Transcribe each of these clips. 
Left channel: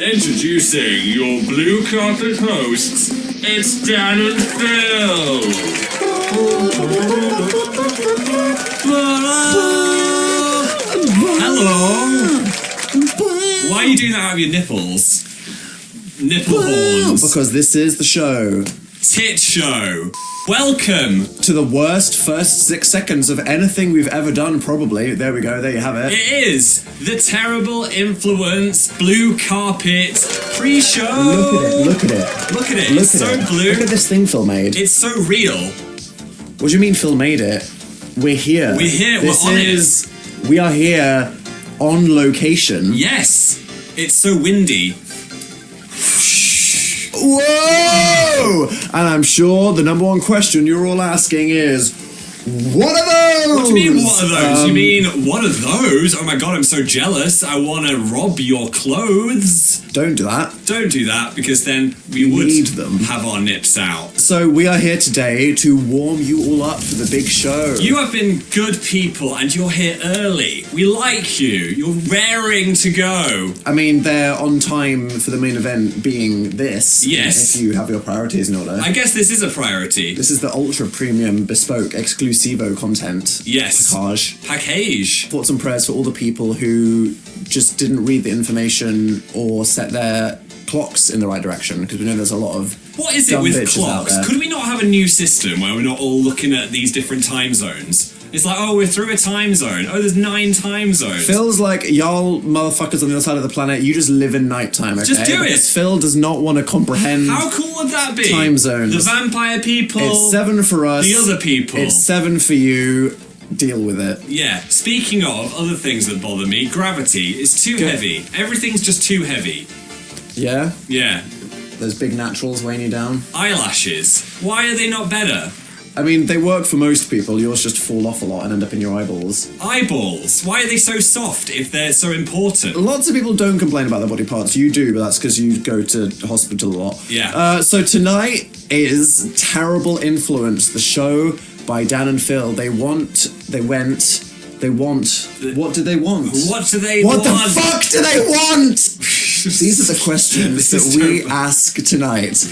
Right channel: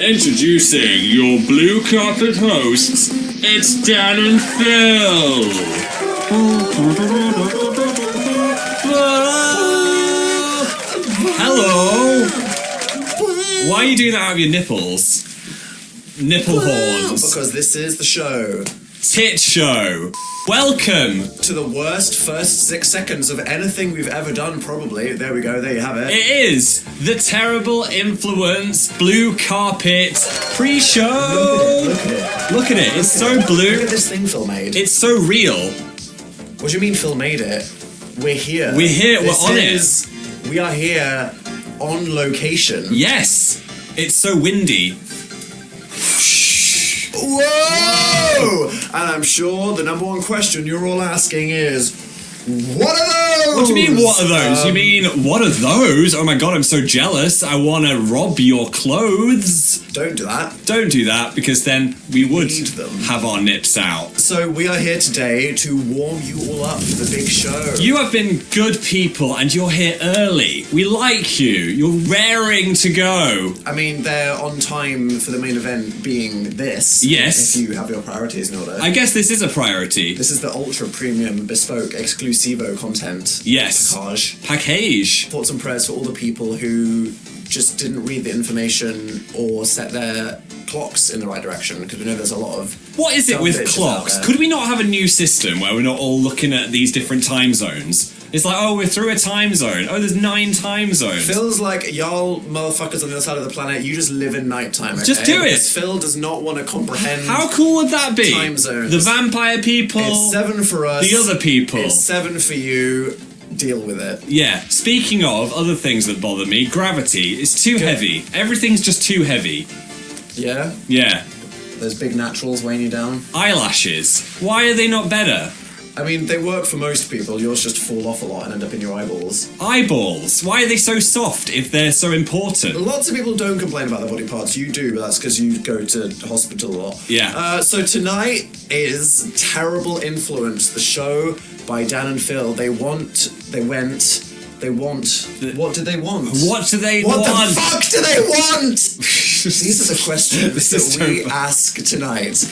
Introducing your blue carpet hosts, it's Dan and Phil. Hello. Why are you doing that out of your nipples? Nipple horns. Because this is the show. Tit show. Welcome To the worst first 6 seconds of anything we've ever done, probably. There we go, there you have it. It is the terrible influence blue carpet pre-show. Look at it. Look at it. It's so blue. Look at this thing Phil made. It's so real. What do you mean Phil made it? We're here. We're here. This We're on is, We are here on location. Yes. It's so windy. Whoa! And I'm sure the number one question you're all asking is, what are those? What do you mean, what are those? You mean, what are those? Oh my god, I'm so jealous. I want to rob your clothes. Don't do that. Don't do that, because then we would need them. have our nips out. So we are here today to warm you all up for the big show. You have been good people, and you're here early. We like you. You're raring to go. I mean, they're on time for the main event being this. Yes. If you have your priorities in order. I guess this is a priority. This is the ultra premium, bespoke, exclusivo content. Yes. Package. Thoughts and prayers for all the people who just didn't read the information or set their clocks in the right direction, because we know there's a lot of What is it dumb with bitches clocks? out there. Could we not have a new system where we're not all looking at these different time zones? It's like, oh, we're through a time zone. Oh, there's 9 time zones. Phil's like, y'all motherfuckers on the other side of the planet, you just live in nighttime, okay? Just do it. Because Phil does not want to comprehend How cool would that be? time zones. The vampire people. It's 7 for us. The other people. It's 7 for you. Deal with it. Yeah. Speaking of other things that bother me, gravity is too heavy. Everything's just too heavy. Yeah? Yeah. Those big naturals weighing you down. Eyelashes. Why are they not better? I mean, they work for most people. Yours just fall off a lot and end up in your eyeballs. Eyeballs. Why are they so soft if they're so important? Lots of people don't complain about their body parts. You do, but that's because you go to hospital a lot. Yeah. So tonight is Terrible Influence, the show by Dan and Phil. What did they want? What do they What want? the fuck do they want? These are the questions that we ask tonight.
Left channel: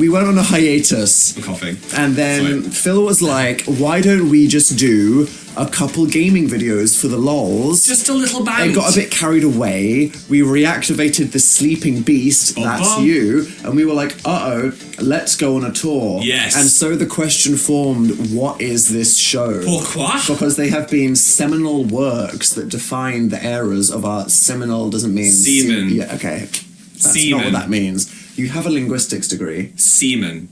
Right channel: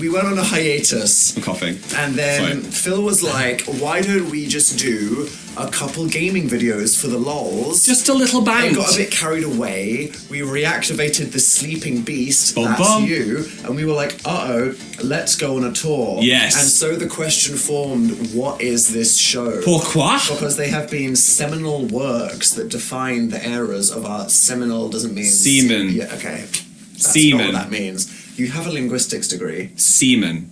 We went on a hiatus. I'm coughing. And then Sorry. Phil was like, why don't we just do a couple gaming videos for the lols? Just a little bang. It got a bit carried away. We reactivated the sleeping beast, that's you, and we were like, uh-oh, let's go on a tour. Yes. And so the question formed, what is this show? Pourquoi? Because they have been seminal works that define the eras of our seminal doesn't mean... Semen. Yeah, okay. That's Semen. not what that means. You have a linguistics degree. Semen.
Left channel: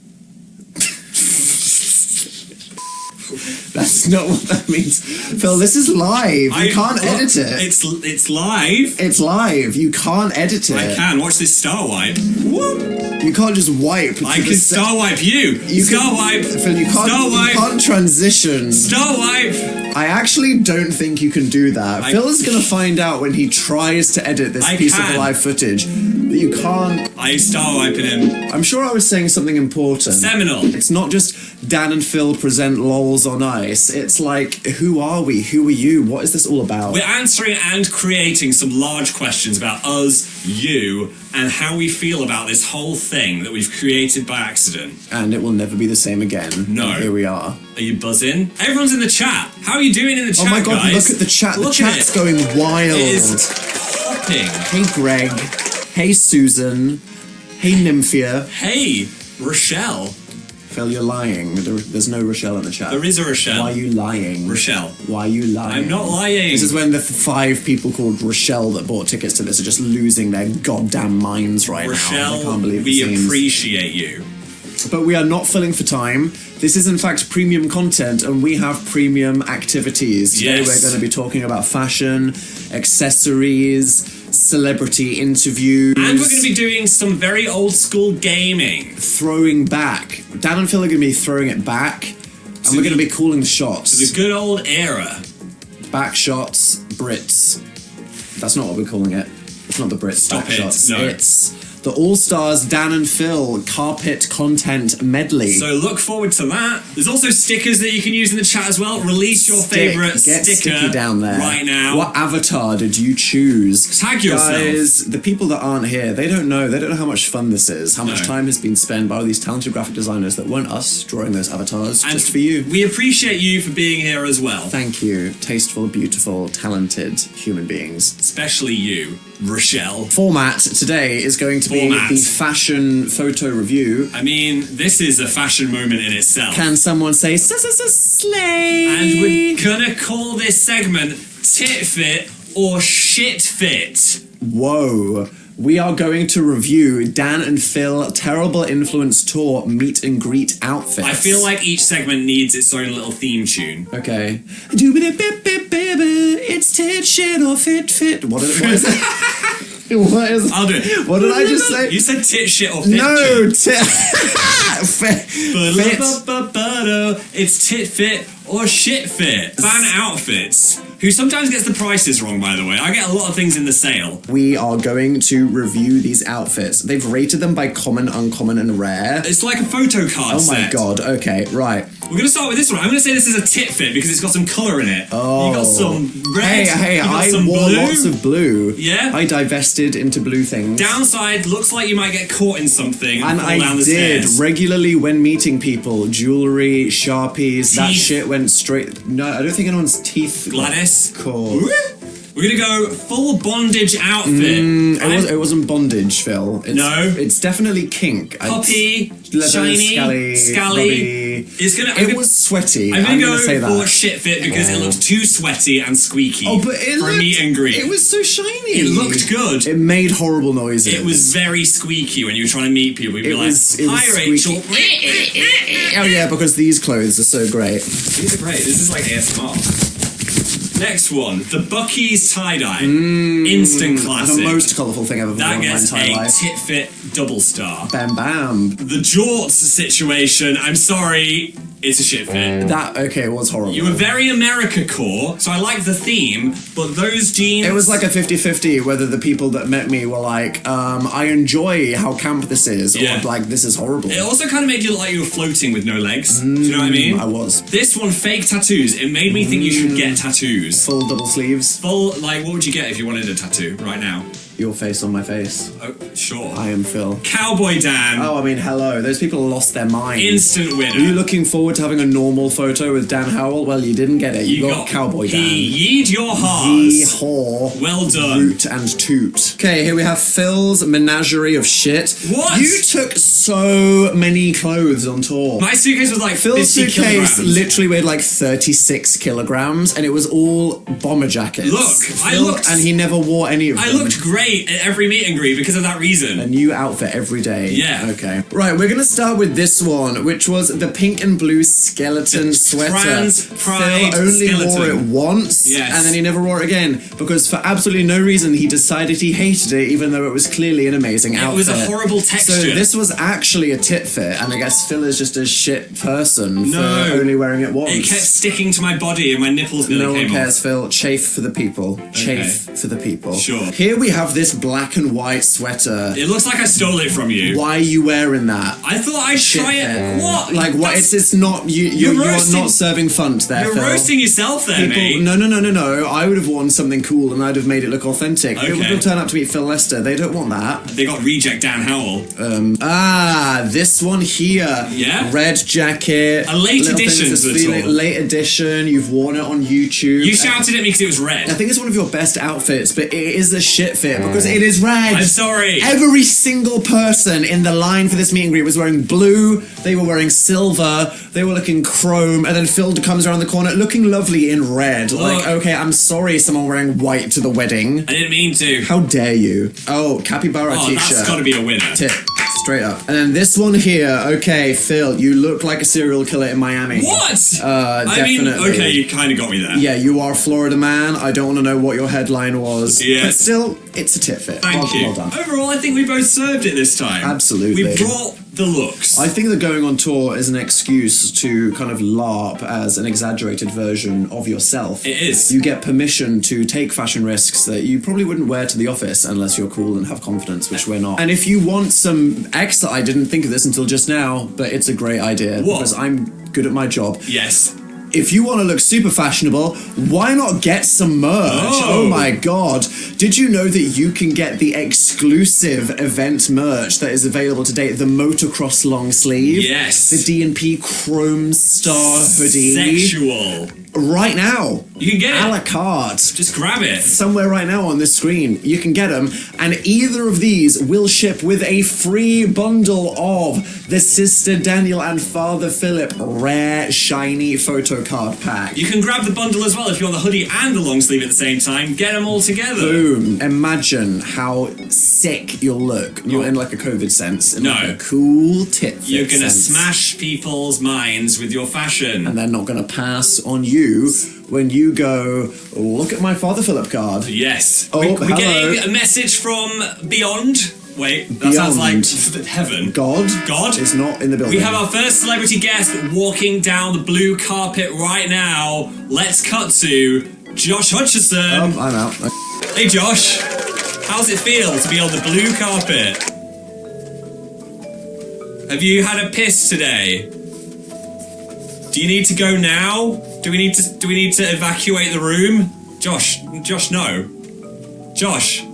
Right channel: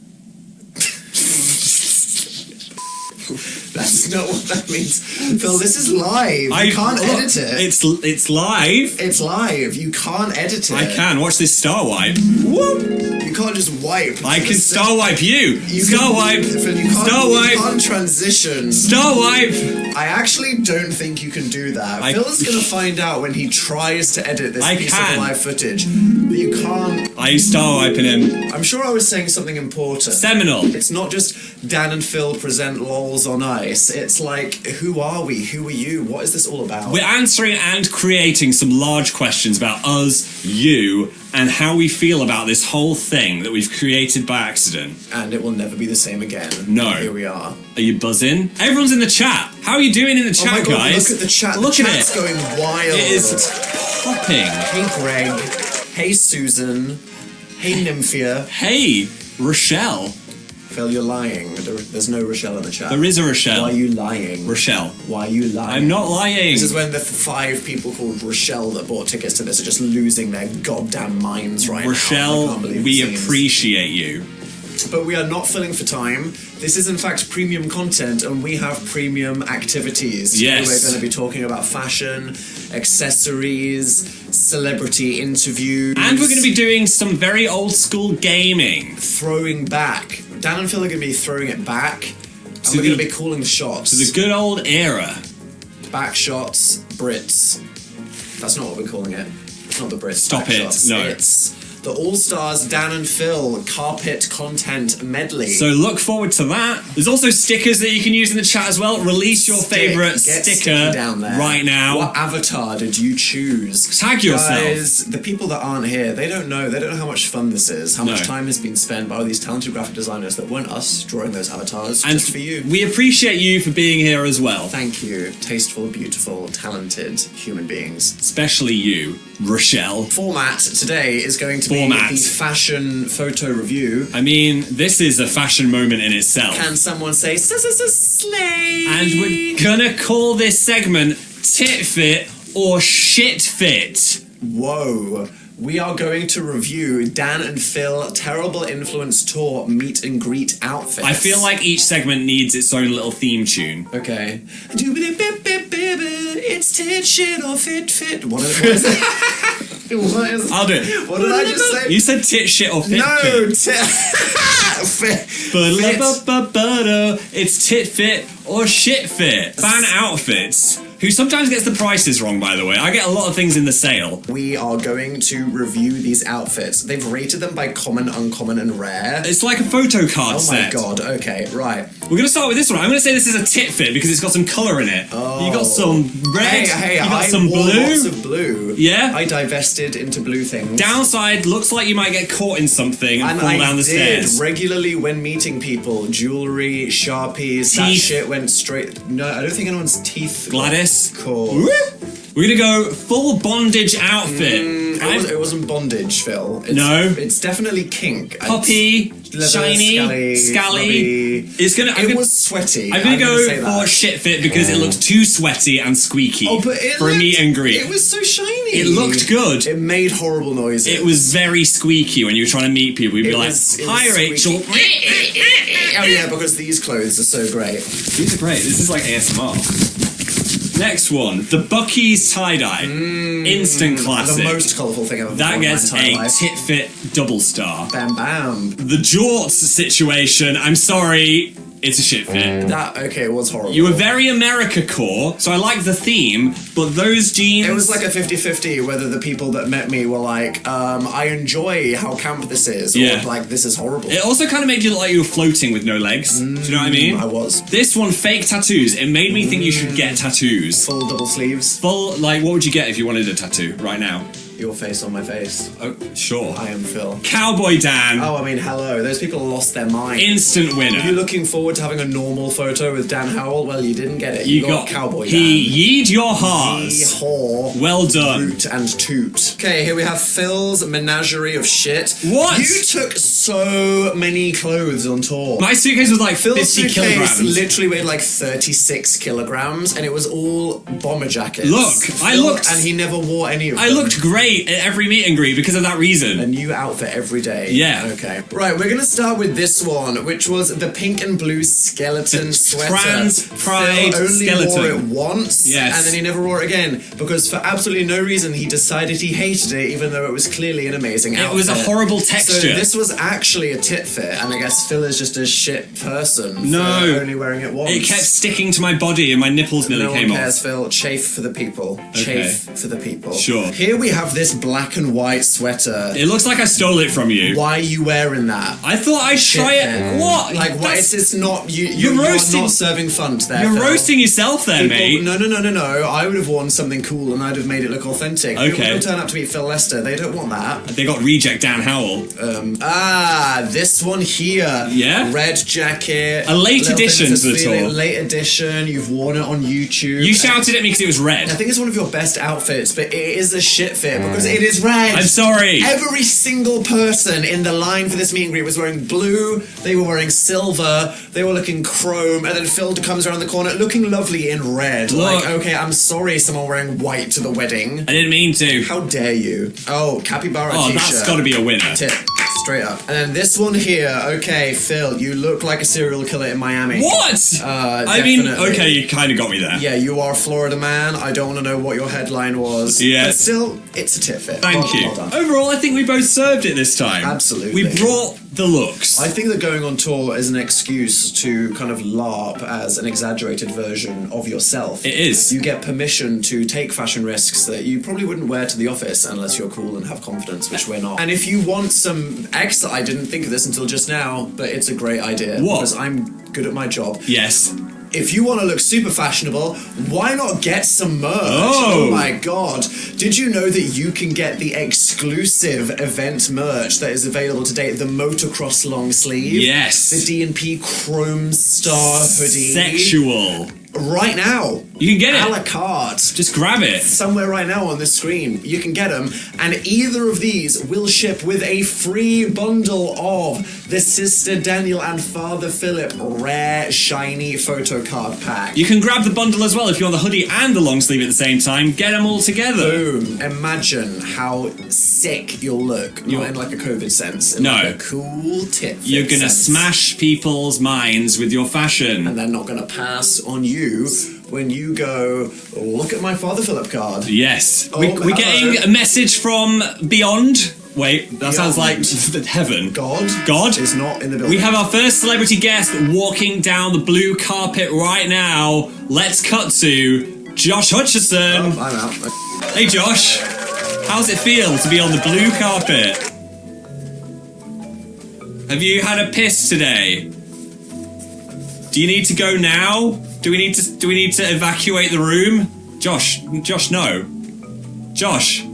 That's not what that means. Phil, this is live. You can't edit it. It's live. It's live. You can't edit it. I can. Watch this star wipe. Whoop. You can't just wipe. I can star wipe you. Star wipe. Phil, you can't, Star wipe. You can't transition. Star wipe. I actually don't think you can do that. Phil is going to find out when he tries to edit this piece of live footage that you can't. I star wiping him. I'm sure I was saying something important. Seminal. It's not just Dan and Phil present lols on ice. It's like, who are we? Who are you? What is this all about? We're answering and creating some large questions about us, you, and how we feel about this whole thing that we've created by accident. And it will never be the same again. No. And here we are. Are you buzzing? Everyone's in the chat. How are you doing in the chat, oh my god, guys? look at the chat. Look the at chat's it. going wild. It is popping. Hey Greg. Hey Susan. Hey Nymphia. Hey, Rochelle. Phil, you're lying. There's no Rochelle in the chat. There is a Rochelle. Why are you lying? Rochelle. Why are you lying? I'm not lying. This is when the 5 people called Rochelle that bought tickets to this are just losing their goddamn minds right now. Rochelle, I can't believe we the scenes. appreciate you. But we are not filling for time. This is in fact premium content and we have premium activities. Today Yes. we're going to be talking about fashion, accessories, celebrity interviews. And we're going to be doing some very old school gaming. throwing back. Dan and Phil are going to be throwing it back. And we're going to be calling the shots. The good old era. Back shots, Brits. That's not what we're calling it. It's not the Brits. Stop back it. shots. No. It's the All-Stars Dan and Phil carpet content medley. So look forward to that. There's also stickers that you can use in the chat as well. Release your favourite Get sticker sticky down there right now. What avatar did you choose? Tag yourself. Guys, the people that aren't here, they don't know how much fun this is, how much No. time has been spent by all these talented graphic designers that weren't us drawing those avatars And just for you. we appreciate you for being here as well. Thank you, tasteful, beautiful, talented human beings. Especially you, Rochelle. Format today is going to Format. be the fashion photo review. I mean, this is a fashion moment in itself. Can someone say slay? And we're gonna call this segment Tit Fit or Shit Fit. Whoa. We are going to review Dan and Phil Terrible Influence Tour meet and greet outfits. I feel like each segment needs its own little theme tune. Okay. It's tit shit or fit. What is it? What is I'll do it. What did I just say? You said tit shit or fit No, shit. fit. It's tit fit or shit fit. Fan outfits. Who sometimes gets the prices wrong, by the way. I get a lot of things in the sale. We are going to review these outfits. They've rated them by common, uncommon, and rare. It's like a photo card Oh set. my god, okay, right. We're going to start with this one. I'm going to say this is a tit fit because it's got some colour in it. Oh. You got some red. Hey, you got I some wore blue. lots of blue. Yeah? I divested into blue things. Downside, looks like you might get caught in something and, And fall I down the did stairs. regularly when meeting people. Jewelry, Sharpies, that Teeth. shit went straight. No, I don't think anyone's teeth. Gladys. Cool. We're going to go full bondage outfit. It wasn't bondage, Phil. No. It's definitely kink. Poppy, Leather, shiny, scally. rubby. It's gonna. It was sweaty. I'm gonna go say for that. shit fit because it looks too sweaty and squeaky Oh, but it for a looked- meet and greet. It was so shiny. It looked good. It made horrible noises. It was very squeaky when you were trying to meet people. You'd be It like, was "Hi, Rachel." Oh yeah, because these clothes are so great. These are great. This is like ASMR. Next one, the Bucky's tie-dye. Instant classic. The most colourful thing I've ever That worn in my gets entire a life. tit fit double star. Bam bam. The jorts situation, I'm sorry, it's a shit fit. That okay, it was horrible. You were very America core, so I like the theme, but those jeans... It was like a 50-50 whether the people that met me were like, I enjoy how camp this is, Yeah. or like, this is horrible. It also kind of made you look like you were floating with no legs. Do you know what I mean? I was. This one, fake tattoos. It made me think you should get tattoos. Full double sleeves, Full, like, what would you get if you wanted a tattoo right now? your face on my face. Oh, sure. I am Phil. Cowboy Dan. Oh, I mean, hello. Those people lost their mind. Instant winner. Were you looking forward to having a normal photo with Dan Howell? Well, you didn't get it. You got Cowboy Dan. Yeed your Yee hearts. haw. Well done. Root and toot. Okay, here we have Phil's menagerie of shit. What? You took so many clothes on tour. My suitcase was like Phil's 50 suitcase kilograms. literally weighed like 36 kilograms, and it was all bomber jackets. Look, I Phil- looked- and he never wore any of them. I looked great at every meet and greet because of that reason. A new outfit every day. Yeah. Okay. Right, we're gonna start with this one, which was the pink and blue skeleton sweater. trans pride Phil only skeleton. wore it once, Yes. and then he never wore it again because for absolutely no reason he decided he hated it, even though it was clearly an amazing outfit. It was a horrible texture. So this was actually a tit fit, and I guess Phil is just a shit person No. for only wearing it once. It kept sticking to my body and my nipples nearly No one came cares, off. Phil. Chafe for the people. Chafe for the people. Sure. Here we have this black and white sweater. It looks like I stole it from you. Why are you wearing that? I thought I'd try Phil. it. What? Like what? That's- It's not you. You are roasting- not serving funt there. You're Phil. roasting yourself there, mate. No. I would have worn something cool and I'd have made it look authentic. People Okay. don't turn up to meet Phil Lester. They don't want that. They got reject Dan Howell. This one here. Yeah? Red jacket. A late little thing edition that says to the feeling- tour. Late edition. You've worn it on YouTube. You shouted at me because it was red. I think it's one of your best outfits, but it is a shit fit because it is red. I'm sorry. Every single person in the line for this meet and greet was wearing blue, they were wearing silver, they were looking chrome, and then Phil comes around the corner looking lovely in red. Look. Like, okay, I'm sorry someone wearing white to the wedding. I didn't mean to. How dare you? Oh, capybara Oh, t-shirt. that's got to be a winner. Tip. Straight up. And then this one here, okay, Phil, you look like a serial killer in Miami. What? I mean, definitely. okay, you kind of got me there. Yeah, you are a Florida man. I don't want to know what your headline was. Yes. But still, it's a tit fit. Thank you. Well done. Overall, I think we both served it this time. Absolutely. We brought the looks. I think that going on tour is an excuse to kind of LARP as an exaggerated version of yourself. It is. You get permission to take fashion risks that you probably wouldn't wear to the office unless you're cool and have confidence, which we're not. And if you want some extra, I didn't think of this until just now, but it's a great idea. What? Because I'm good at my job. Yes. If you want to look super fashionable, why not get some merch? Oh my god. Did you know that you can get the exclusive event merch that is available today? The motocross long sleeve. Yes. The D&P Chrome Star hoodie. Sexual. Right now. You can get it. A la carte. Just grab it. Somewhere right now on this screen. You can get them. And either of these will ship with a free bundle of the Sister Daniel and Father Philip rare shiny photo card pack. You can grab the bundle as well if you want the hoodie and the long sleeve at the same time. Get them all together. Boom. Imagine how sick you'll look. Not in like a COVID sense. In like a cool tip. You're going to sense. smash people's minds with your fashion. And they're not going to pass on you when you go, look at my Father Philip card. Yes. Oh, we're hello. getting a message from beyond. Wait, that sounds like heaven. God is not in the building. We have our first celebrity guest walking down the blue carpet right now. Let's cut to Josh Hutcherson. Oh, I'm out. Hey Josh, how's it feel to be on the blue carpet? Have you had a piss today? Do you need to go now? Do we need to evacuate the room? Josh, no. Josh,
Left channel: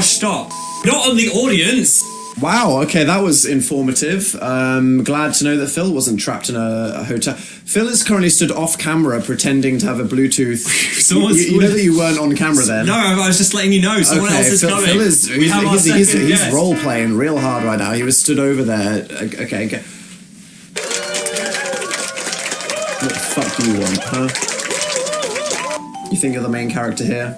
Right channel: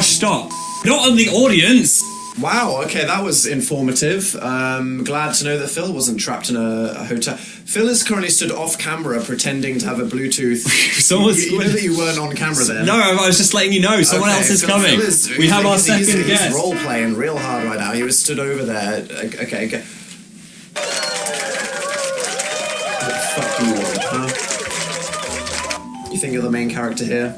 stop. Not on the audience. Wow, okay, that was informative. Glad to know that Phil wasn't trapped in a hotel. Phil is currently stood off camera pretending to have a Bluetooth. You know that you weren't on camera then? No, I was just letting you know. Someone else is coming. Phil is, he's guest. role playing real hard right now. He was stood over there. Okay. What the fuck do you want, huh? You think you're the main character here?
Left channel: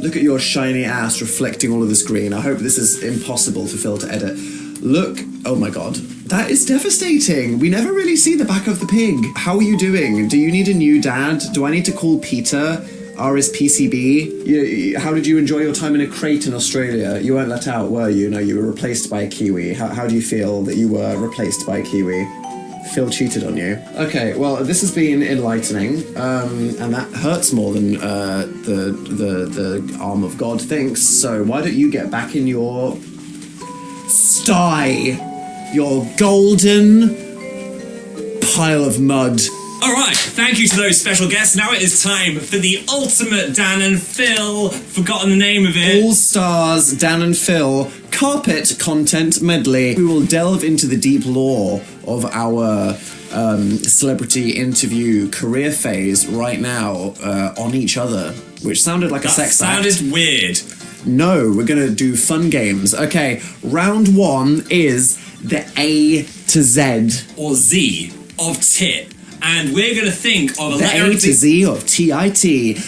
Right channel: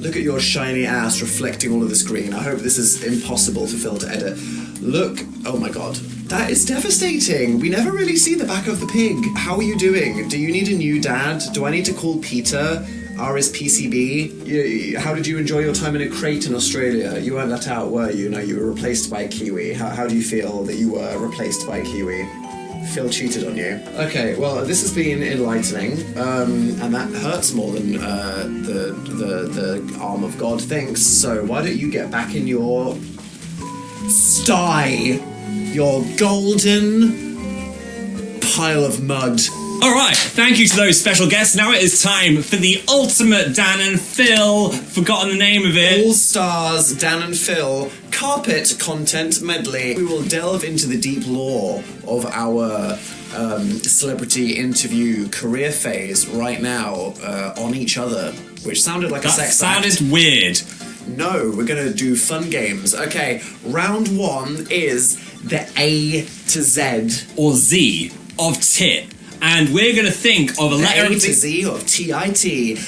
Look at your shiny ass reflecting all of the screen. I hope this is impossible for Phil to edit. Look, oh my god. That is devastating. We never really see the back of the pig. How are you doing? Do you need a new dad? Do I need to call Peter? RSPCB? How did you enjoy your time in a crate in Australia? You weren't let out, were you? No, you were replaced by a Kiwi. How do you feel that you were replaced by a Kiwi? Phil cheated on you. Okay, well, this has been enlightening, and that hurts more than the arm of God thinks. So why don't you get back in your sty, your golden pile of mud? All right, thank you to those special guests. Now it is time for the ultimate Dan and Phil. Forgotten the name of it. All Stars Dan and Phil carpet content medley. We will delve into the deep lore of our celebrity interview career phase right now on each other, which sounded like a sex act. That sounded weird. No, we're going to do fun games. Okay, round one is the A to Z. Or Z of tit. And we're going to think of a letter A of to the... Z of T-I-T.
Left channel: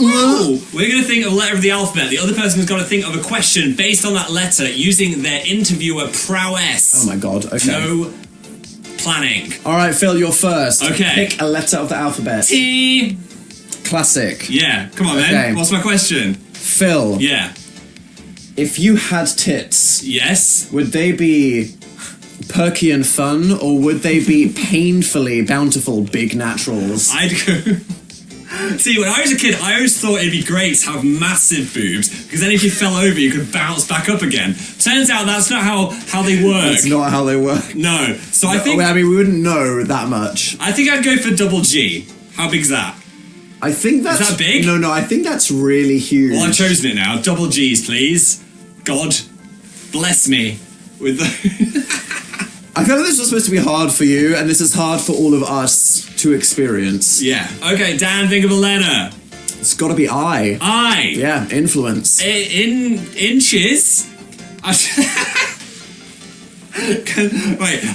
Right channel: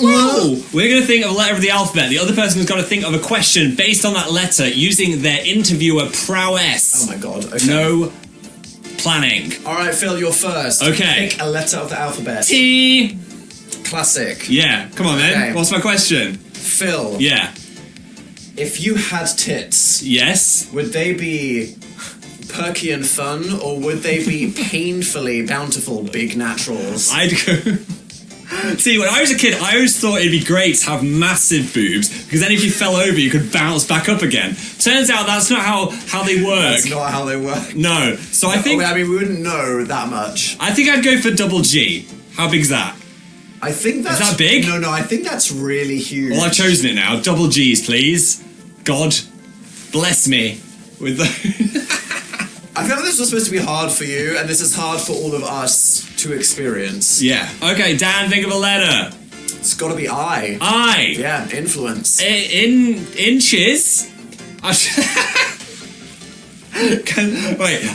Whoa! We're going to think of a letter of the alphabet. The other person has got to think of a question based on that letter using their interviewer prowess. Oh my god, okay. No planning. Alright, Phil, you're first. Okay. Pick a letter of the alphabet. T. Classic. Yeah, come on then. Okay. What's my question? Phil. Yeah. If you had tits, Yes? would they be perky and fun, or would they be painfully bountiful big naturals? I'd go... See, when I was a kid, I always thought it'd be great to have massive boobs, because then if you fell over, you could bounce back up again. Turns out that's not how they work. That's not how they work. No. So I think... I mean, we wouldn't know that much. I think I'd go for double G. How big's that? I think that's... Is that big? No, I think that's really huge. Well, I've chosen it now. Double G's, please. God bless me with the... I feel like this was supposed to be hard for you, and this is hard for all of us to experience. Yeah. Okay, Dan, think of a letter. It's got to be I. I. Yeah, influence. In inches? Wait,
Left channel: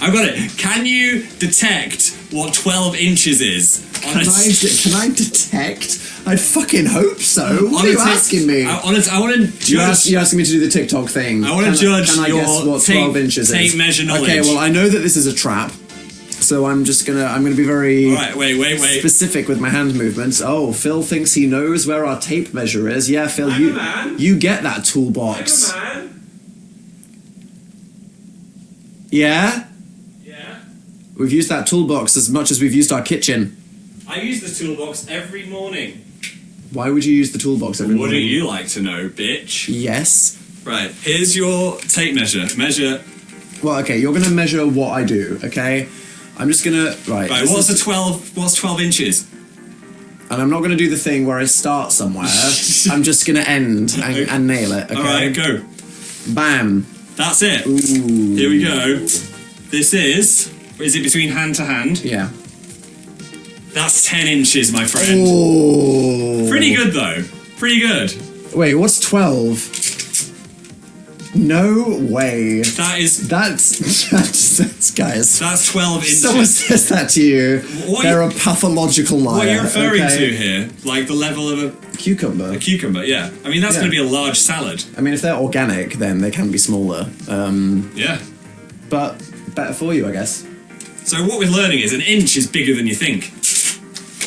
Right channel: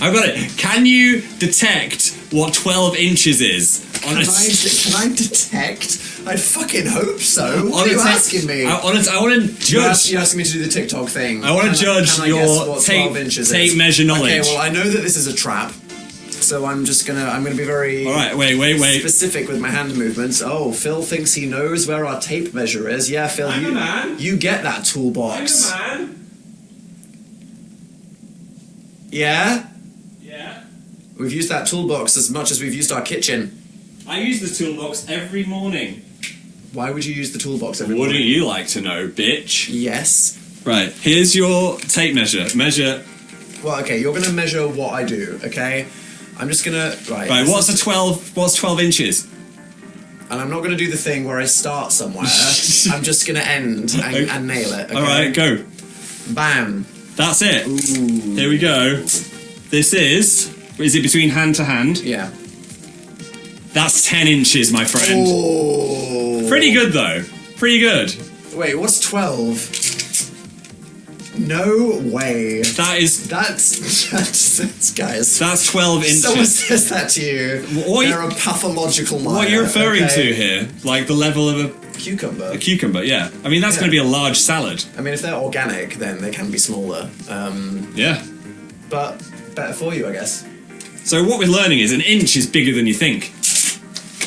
I've got it. Can you detect what 12 inches is? Can I detect? I'd fucking hope so. What are you asking me? I want to judge. You're asking me to do the TikTok thing. I want to judge can I your guess what 12 inches tape is? measure knowledge. Okay, well, I know that this is a trap. So I'm gonna be very All right, wait. specific with my hand movements. Oh, Phil thinks he knows where our tape measure is. Yeah, Phil, you get that toolbox. Yeah? Yeah. We've used that toolbox as much as we've used our kitchen. I use the toolbox every morning. Why would you use the toolbox every morning? What do you like to know, bitch? Yes. Right, here's your tape measure. Measure. Well, okay, you're gonna measure what I do, okay? I'm just gonna... Right, What's 12 inches? and I'm not gonna do the thing where I start somewhere. I'm just gonna end and nail it, okay? Alright, go. Bam. That's it. Ooh. Here we go. This is it between hand to hand? Yeah. That's 10 inches, my friend. Oh. Pretty good, though. Pretty good. Wait, what's 12? No way. That's guys. That's 12 inches. Someone says that to you. They're a pathological liar. What are you referring to here? Like the level of a cucumber? A cucumber, yeah. I mean, that's going to be a large salad. I mean, if they're organic, then they can be smaller. Yeah. But better for you, I guess. So what we're learning is an inch is bigger than you think.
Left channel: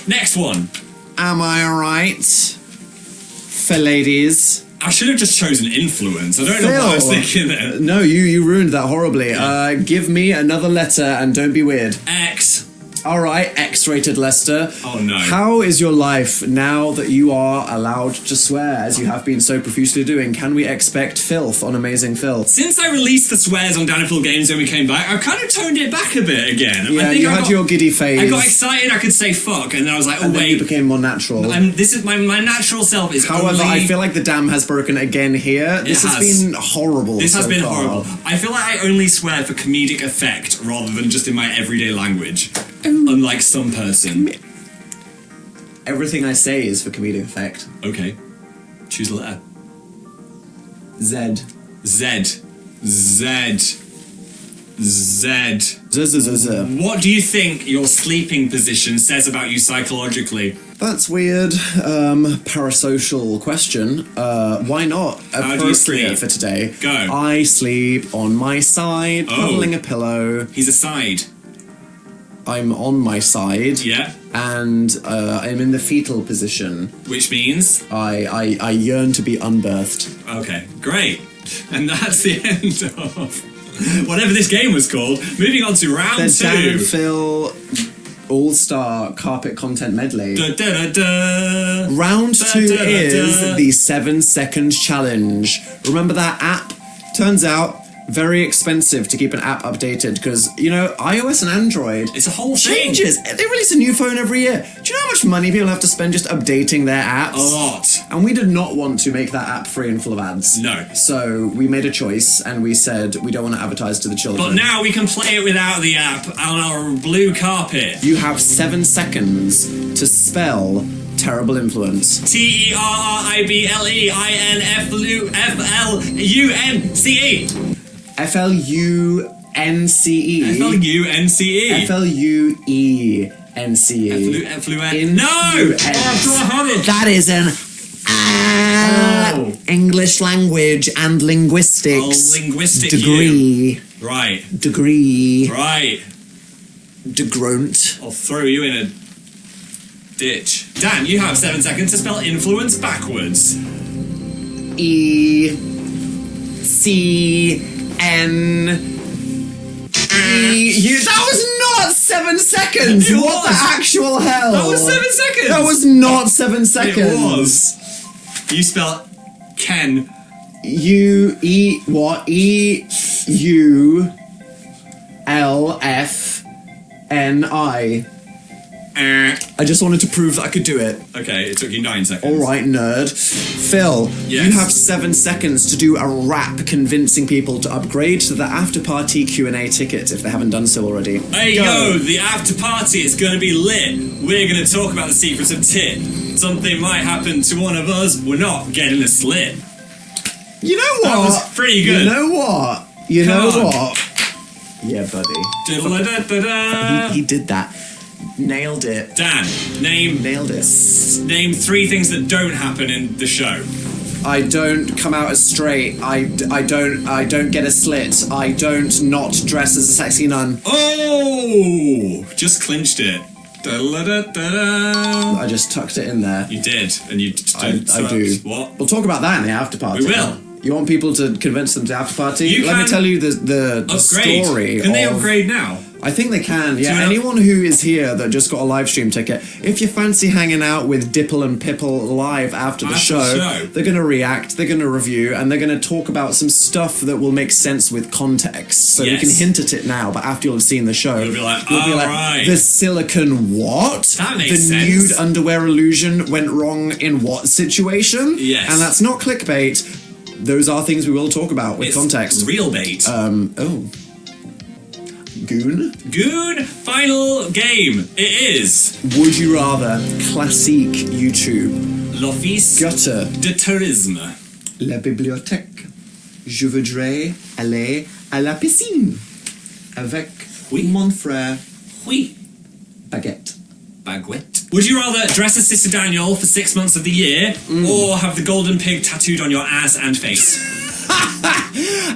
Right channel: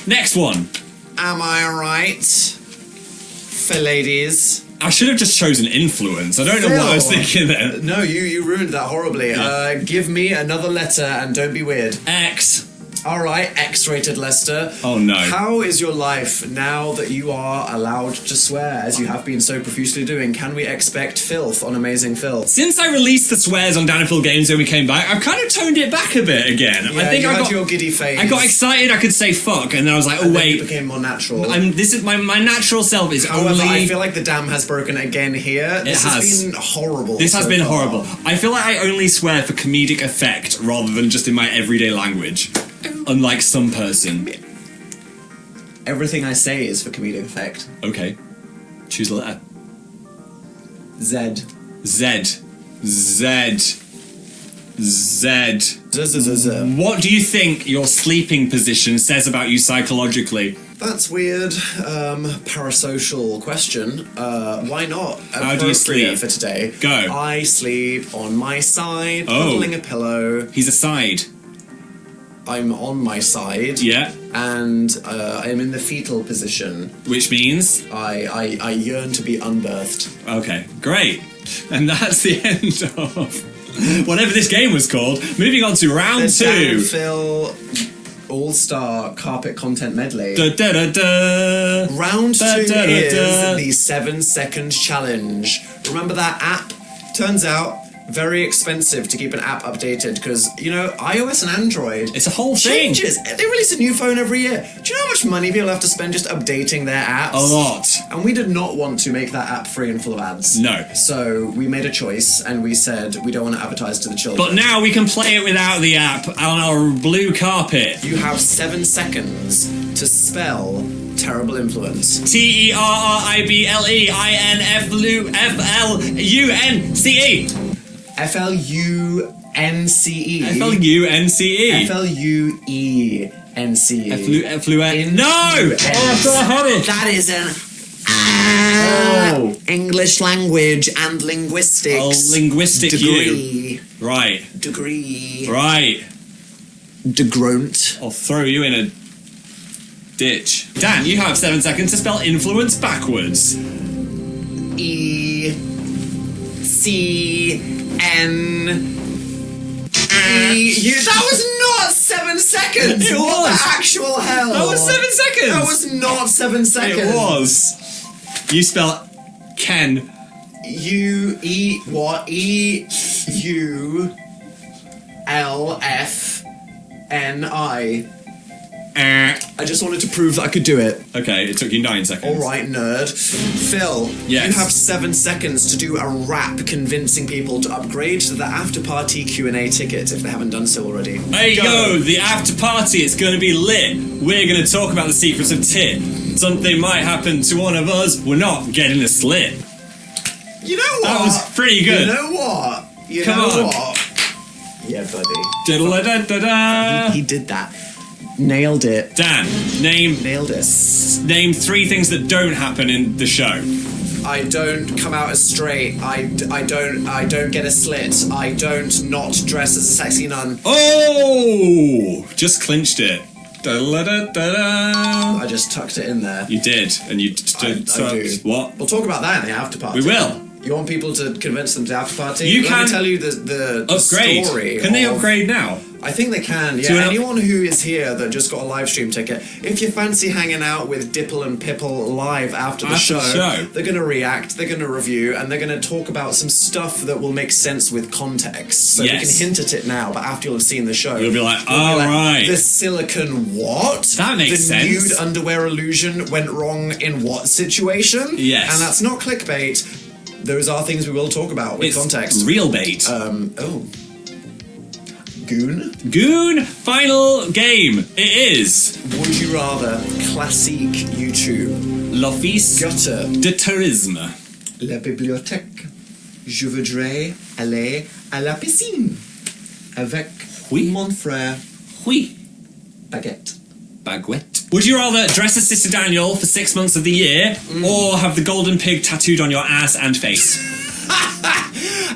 Next one. Am I right? For ladies. I should have just chosen influence. I don't know what I was thinking there. No, you ruined that horribly. Yeah. Give me another letter and don't be weird. X. All right, X-rated Lester. Oh no. How is your life now that you are allowed to swear, as you have been so profusely doing? Can we expect filth on Amazing Phil? Since I released the swears on Dan and Phil Games when we came back, I've kind of toned it back a bit again. Yeah, I think you I had got your giddy phase. I got excited I could say fuck, and then I was like, oh and wait. Then you became more natural. This is my natural self is However, only... I feel like the dam has broken again here. This has been horrible. This has so been far. horrible. I feel like I only swear for comedic effect rather than just in my everyday language. Unlike some person. Everything I say is for comedic effect. Okay. Choose a letter. Z. Z. Z. Z. Z. What do you think your sleeping position says about you psychologically? That's weird. Parasocial question. Why not? How do you sleep? For today. Go. I sleep on my side, cuddling a pillow. He's aside. I'm on my side. Yeah. And I'm in the fetal position. Which means? I yearn to be unbirthed. Okay, great. And that's the end of whatever this game was called. Moving on to round 2. Dan and Phil All-Star Carpet Content Medley. Da, da, da, da. Round 2 Da, da, da, is da. the 7-second challenge. Remember that app? Turns out, very expensive to keep an app updated because, you know, iOS and Android... It's a whole thing. Changes. They release a new phone every year. Do you know how much money people have to spend just updating their apps? A lot. And we did not want to make that app free and full of ads. No. So we made a choice and we said we don't want to advertise to the children. But now we can play it without the app on our blue carpet. You have 7 seconds to spell terrible influence. TERRIBLEINFLUNCE. F-L-U-N-C-E. FLUNCE. F-L-U-E-N-C-E. Influence. No! That is an English language and linguistics linguistic degree. Right. Degree. Right. Degrunt. I'll throw you in a ditch. Dan, you have 7 seconds to spell influence backwards. E-C-N-E-U. That was not 7 seconds! It What was. the actual hell? That was 7 seconds! That was not 7 seconds. It was. You spell Ken. E-U-L-F-N-I. I just wanted to prove that I could do it. Okay, it took you 9 seconds. Alright, nerd. Phil, Yes. you have 7 seconds to do a rap convincing people to upgrade to the after party Q&A ticket if they haven't done so already. Hey, Go. yo, the after party, it's gonna be lit. We're gonna talk about the secrets of tit. Something might happen to one of us, we're not getting a slit. You know what? That was pretty good. You know what? You Come know on. what? Yeah, buddy. Diddle-a-da-da-da. He did that. Nailed it. Dan, name Nailed it. 3 things that don't happen in the show. I don't come out as straight. I don't get a slit. I don't not dress as a sexy nun. Oh! Just clinched it. Da-la-da-da-da. I just tucked it in there. You did, and you I do. What? We'll talk about that in the after party. We will. You want people to convince them to after party? You Let can me tell you the upgrade. story. Can they of- upgrade now? I think they can, yeah. Do you know- Anyone who is here that just got a live stream ticket, if you fancy hanging out with Dipple and Pipple live after the show, they're going to react, they're going to review, and they're going to talk about some stuff that will make sense with context. So we can hint at it now, but after you'll have seen the show, You'll be like, right. The silicone what? That makes sense. The nude underwear illusion went wrong in what situation? Yes. And that's not clickbait. Those are things we will talk about with context. Real bait. Goon? Goon, final game. It is. Would you rather classique YouTube? L'office Gutter. de tourisme. La bibliothèque. Je voudrais aller à la piscine. Avec mon frère. Oui. Baguette. Baguette. Would you rather dress as Sister Daniel for 6 months of the year, or have the golden pig tattooed on your ass and face?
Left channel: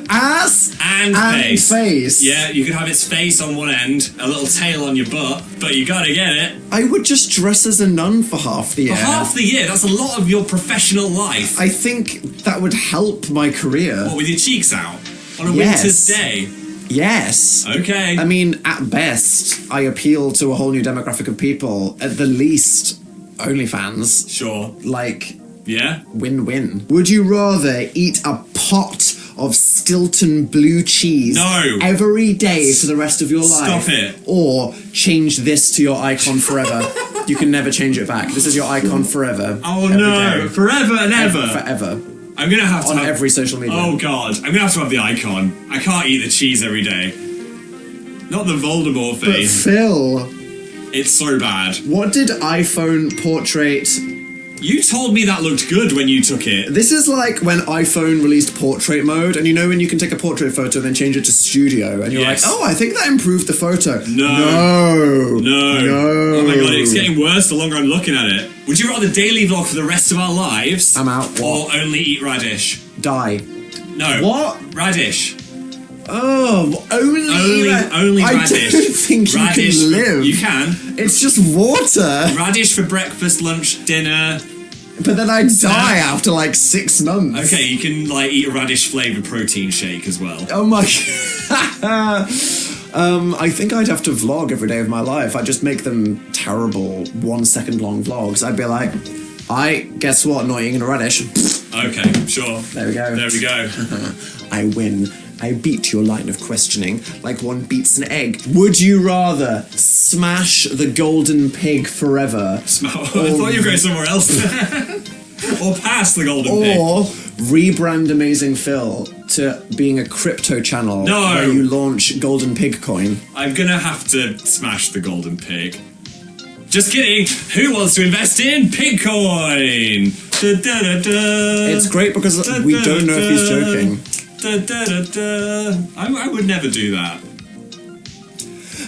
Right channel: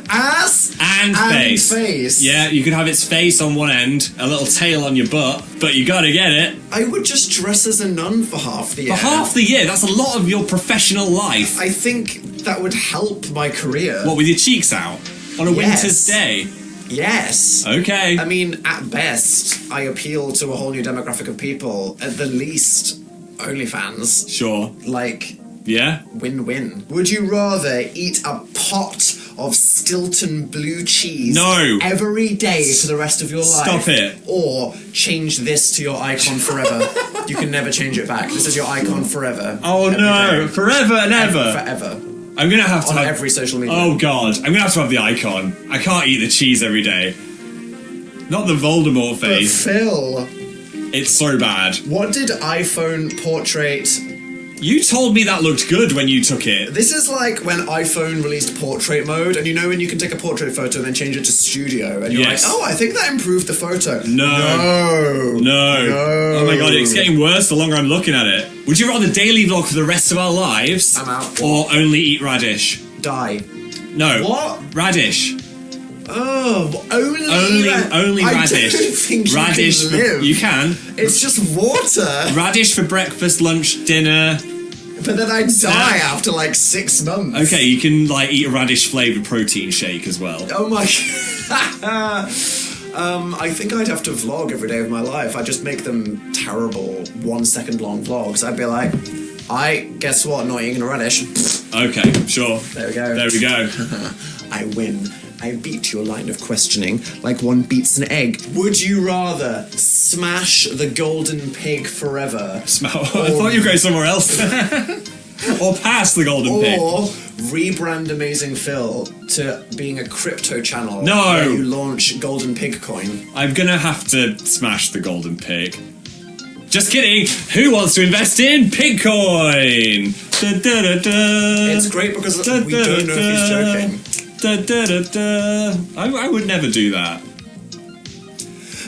Ass and face. Yeah, Yeah, you could have its face on one end, a little tail on your butt, but you gotta get it. I would just dress as a nun for half the year. For half the year, that's a lot of your professional life. I think that would help my career. What, with your cheeks out? On a winter's day? Yes. Okay. I mean, at best, I appeal to a whole new demographic of people. At the least, OnlyFans. Sure. Like, Yeah? win-win. Would you rather eat a pot of Stilton blue cheese No. every day for the rest of your life? Stop it. Or change this to your icon forever? You can never change it back. This is your icon forever. Oh Every no. day. Forever and ever. Forever. I'm gonna have to On have... every social media. Oh god. I'm gonna have to have the icon. I can't eat the cheese every day. Not the Voldemort But face. Phil, It's so bad. what did iPhone portrait... You told me that looked good when you took it. This is like when iPhone released portrait mode, and you know when you can take a portrait photo and then change it to studio, and you're Yes. like, oh, I think that improved the photo. No. No. Oh my god, it's getting worse the longer I'm looking at it. Would you rather daily vlog for the rest of our lives? I'm out. Or only eat radish? Die. No. What? Radish. Oh, Only I radish. don't think Radish you can live. You can. It's just water. Radish for breakfast, lunch, dinner. But then I'd die after like 6 months. Okay, you can like eat a radish flavoured protein shake as well. Oh my... I think I'd have to vlog every day of my life. I'd just make them terrible 1 second long vlogs. I'd be like, guess what? Not eating a radish. Okay, sure. There we go. There we go. I win. I beat your line of questioning like one beats an egg. Would you rather smash the golden pig forever? I thought you were going somewhere else. Or pass the golden pig. Or rebrand Amazing Phil to being a crypto channel No. where you launch Golden Pig coin? I'm gonna have to smash the golden pig. Just kidding. Who wants to invest in Pigcoin? It's great because we don't know if he's joking. I would never do that.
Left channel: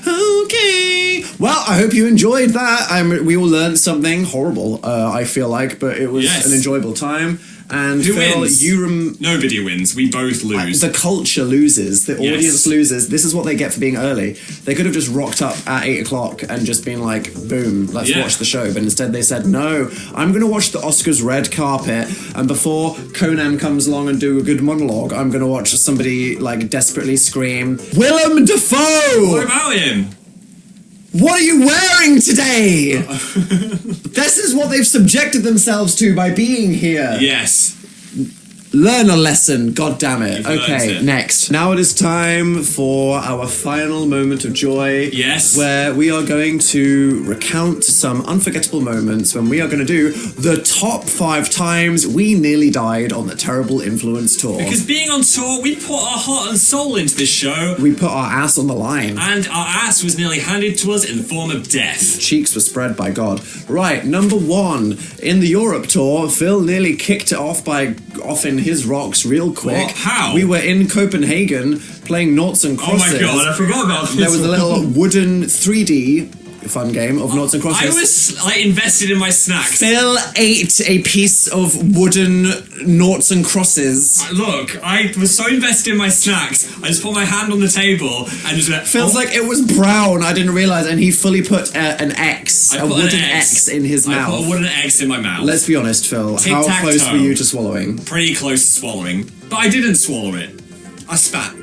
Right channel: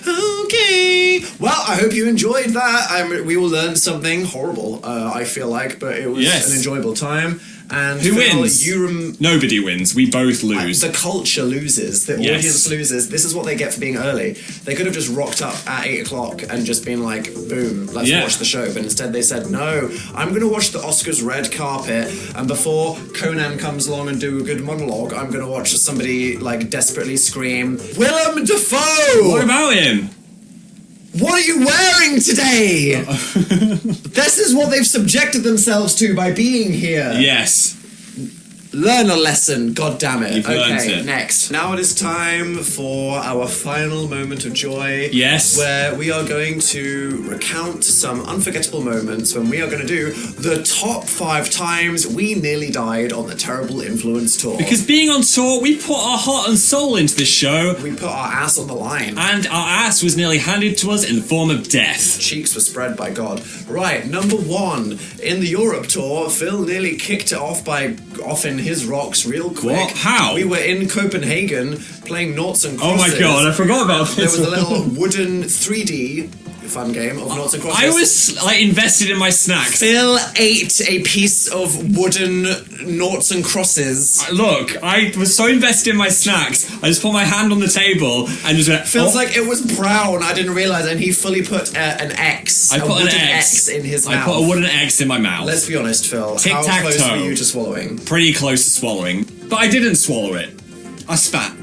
Okay. Well, I hope you enjoyed that. We all learned something horrible, I feel like, but it was Yes. an enjoyable time. And Who Phil, wins? Nobody wins. We both lose. The culture loses. The Yes. audience loses. This is what they get for being early. They could have just rocked up at 8 o'clock and just been like, boom, let's Yeah. watch the show. But instead they said, no, I'm going to watch the Oscars red carpet. And before Conan comes along and do a good monologue, I'm going to watch somebody like desperately scream, Willem Dafoe! What about him? What are you wearing today? This is what they've subjected themselves to by being here. Yes. Learn a lesson, god damn it. You've learned Okay, it. next. Now it is time for our final moment of joy. Yes. Where we are going to recount some unforgettable moments when we are going to do the top 5 times we nearly died on the Terrible Influence tour. Because being on tour, we put our heart and soul into this show, we put our ass on the line. and our ass was nearly handed to us in the form of death. Cheeks were spread by God. Right, number 1. In the Europe tour, Phil nearly kicked it off by offing his rocks real quick. What? How? We were in Copenhagen playing noughts and Oh crosses. my god, I forgot about this. There was a little wooden 3D fun game of noughts and crosses. I was like invested in my snacks. Phil ate a piece of wooden noughts and crosses. Look, I was so invested in my snacks, I just put my hand on the table and just went, Feels like it was brown. I didn't realize, and he fully put an X, a wooden X in his mouth. I put a wooden X in my mouth. Let's be honest, Phil. Tic-tac-toe. How close were you to swallowing? Pretty close to swallowing, but I didn't swallow it. I spat.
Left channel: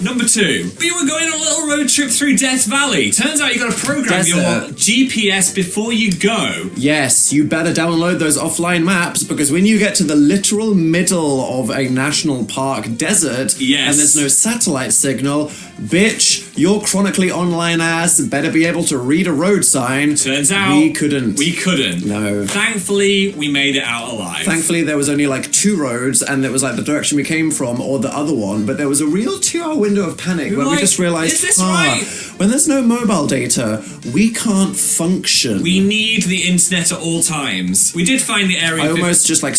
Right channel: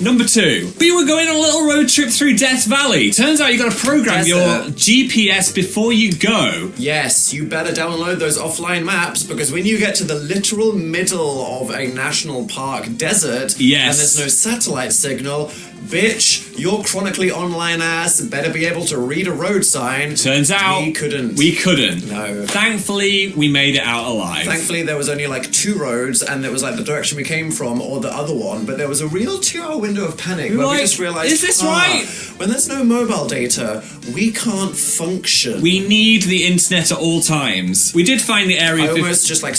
Number 2, we were going on a little road trip through Death Valley. Turns out you got to program your GPS before you go. Yes, you better download those offline maps, because when you get to the literal middle of a national park desert, yes, and there's no satellite signal, bitch, your chronically online ass better be able to read a road sign. Turns out we couldn't. We couldn't. No. Thankfully, we made it out alive. Thankfully, there was only like 2 roads, and it was like the direction we came from or the other one, but there was a real 2-hour window of panic where we just realized, is this right? When there's no mobile data, we can't function. We need the internet at all times. We did find the area. I almost just like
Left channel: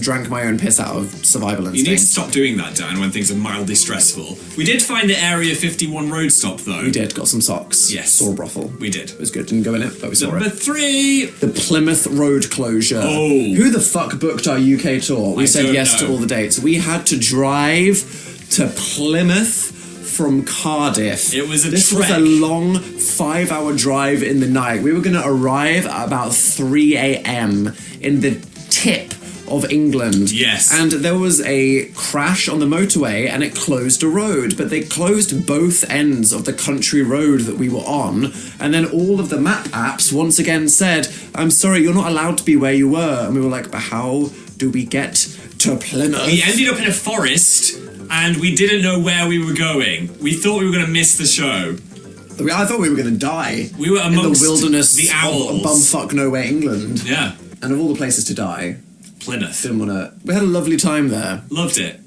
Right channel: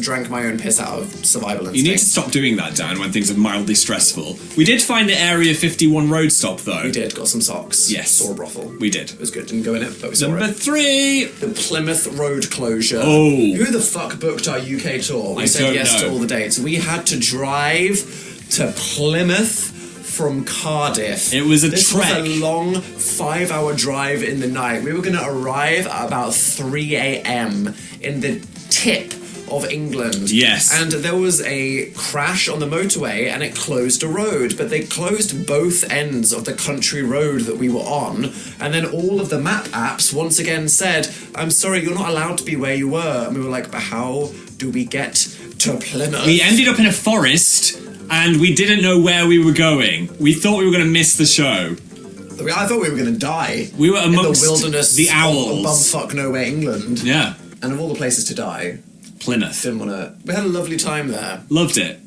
drank my own piss out of survival instinct. You need to stop doing that, Dan, when things are mildly stressful. We did find the Area 51 road stop, though. We did, got some socks. Yes. Saw a brothel. We did. It was good, didn't go in it, but we saw Number it. 3. The Plymouth road closure. Oh. Who the fuck booked our UK tour? We said yes to all the dates. We had to drive to Plymouth from Cardiff. It was a This trek. was a long 5-hour drive in the night. We were going to arrive at about 3 a.m. in the tip of England. Yes. And there was a crash on the motorway and it closed a road, but they closed both ends of the country road that we were on, and then all of the map apps once again said, I'm sorry, you're not allowed to be where you were. And we were like, but how do we get to Plymouth? We ended up in a forest and we didn't know where we were going. We thought we were going to miss the show. I thought we were going to die. We were amongst in the wilderness the owls. of bumfuck nowhere England. Yeah. And of all the places to die, Plymouth. didn't want to. We had a lovely time there. Loved it.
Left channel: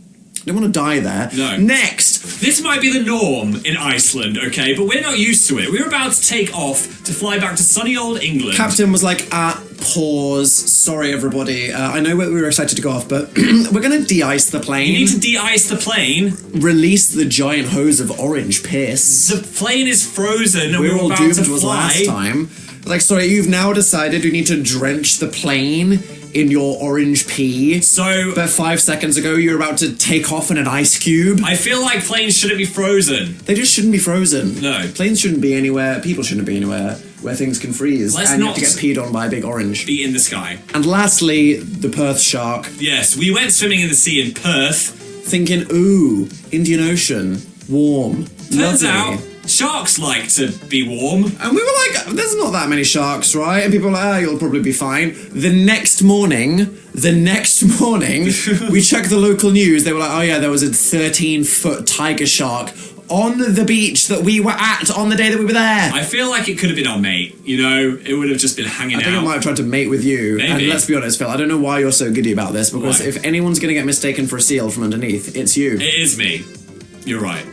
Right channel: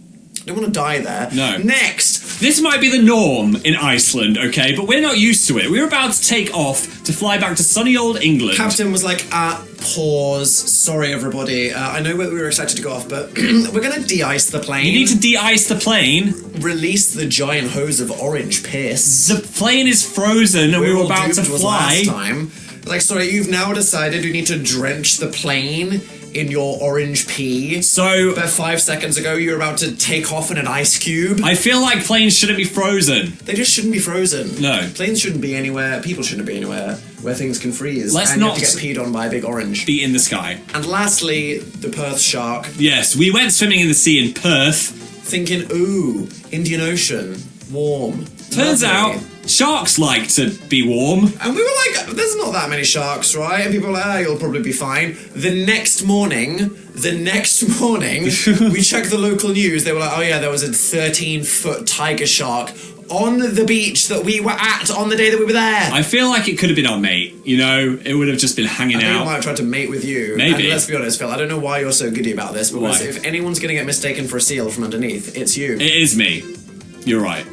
Didn't want to die there. No. Next! This might be the norm in Iceland, okay? But we're not used to it. We were about to take off to fly back to sunny old England. Captain was like, pause. Sorry, everybody. I know we were excited to go off, but we're going to de-ice the plane. You need to de-ice the plane. Release the giant hose of orange piss. The plane is frozen and we were all about doomed to was fly. last time. Like, sorry, you've now decided you need to drench the plane in your orange pee. So, but 5 seconds ago you were about to take off in an ice cube. I feel like planes shouldn't be frozen. They just shouldn't be frozen. No. Planes shouldn't be anywhere, people shouldn't be anywhere where things can freeze. Let's and you not have to get peed on by a big orange. Be in the sky. And lastly, the Perth shark. Yes, we went swimming in the sea in Perth. Thinking, ooh, Indian Ocean, warm. Turns lovely. out, sharks like to be warm. And we were like, there's not that many sharks, right? And people were like, you'll probably be fine. The next morning, we checked the local news. They were like, oh yeah, there was a 13-foot tiger shark on the beach that we were at on the day that we were there. I feel like it could have been our mate, you know? It would have just been hanging out. I think it might have tried to mate with you. Maybe. And let's be honest, Phil, I don't know why you're so giddy about this, because Why? if anyone's going to get mistaken for a seal from underneath, it's you. It is me. You're right.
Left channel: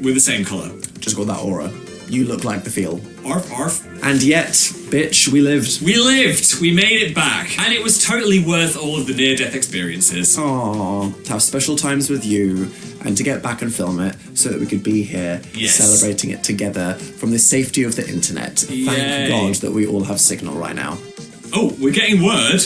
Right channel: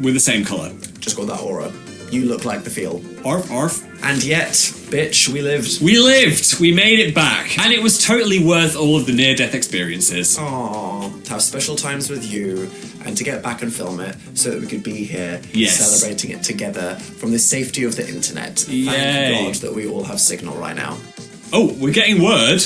We're the same colour. Just got that aura. You look like the feel. Arf, arf. And yet, bitch, we lived. We lived! We made it back. And it was totally worth all of the near-death experiences. Aww, to have special times with you and to get back and film it so that we could be here Yes. celebrating it together from the safety of the internet. Yay. Thank God that we all have signal right now. Oh, we're getting word.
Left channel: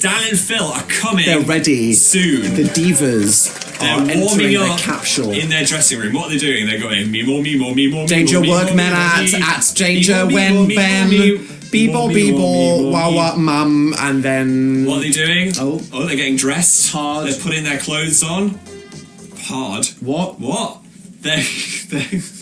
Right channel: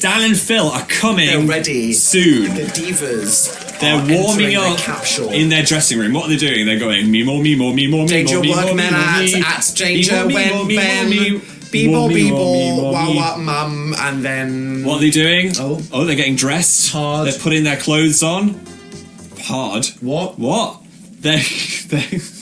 Dan and Phil are coming. They're ready. Soon. The divas They're are warming entering up their capsule. in their dressing room. What are they doing? They're going me more, me more, me more, me Danger more, me more, workmen me more, at danger me more, when me more, Ben me more, Beeble me more, me Beeble more, Wah me. Wah Mum, and then What are they doing? Oh. They're getting dressed. Hard. They're putting their clothes on. Hard. What? They're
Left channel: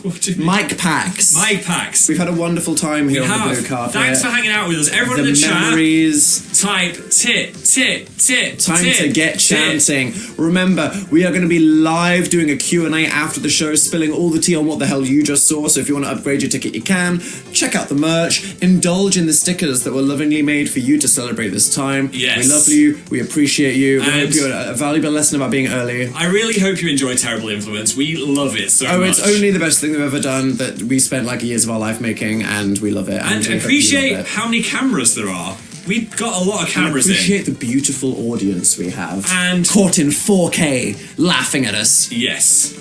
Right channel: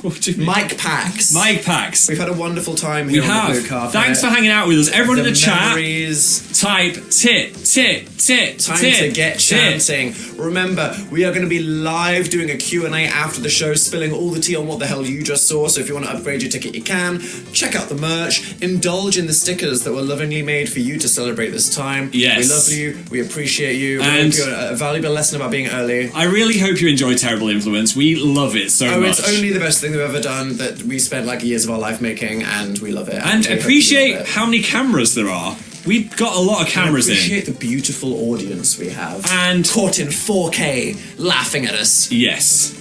what do you mean? Mic packs. Mic packs. We've had a wonderful time here We on have. the blue carpet. Thanks for hanging out with us. Everyone in the chat, memories. type tit, tit, tit, Time tit, to get tit. chanting. Remember, we are going to be live doing a Q&A after the show, spilling all the tea on what the hell you just saw. So if you want to upgrade your ticket, you can. Check out the merch. Indulge in the stickers that were lovingly made for you to celebrate this time. Yes. We love you. We appreciate you. We And- hope you a valuable lesson about being early. I really hope you enjoy Terrible Influence. We love it so much. Oh, it's only the best thing we've ever done that we spent like years of our life making, and we love it. And we hope you appreciate love it. how many cameras there are. We've got a lot of cameras in. Appreciate the beautiful audience we have. And- caught in 4K, laughing at us. Yes.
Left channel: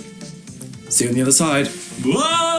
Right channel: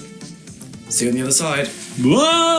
See you on the other side. Whoa!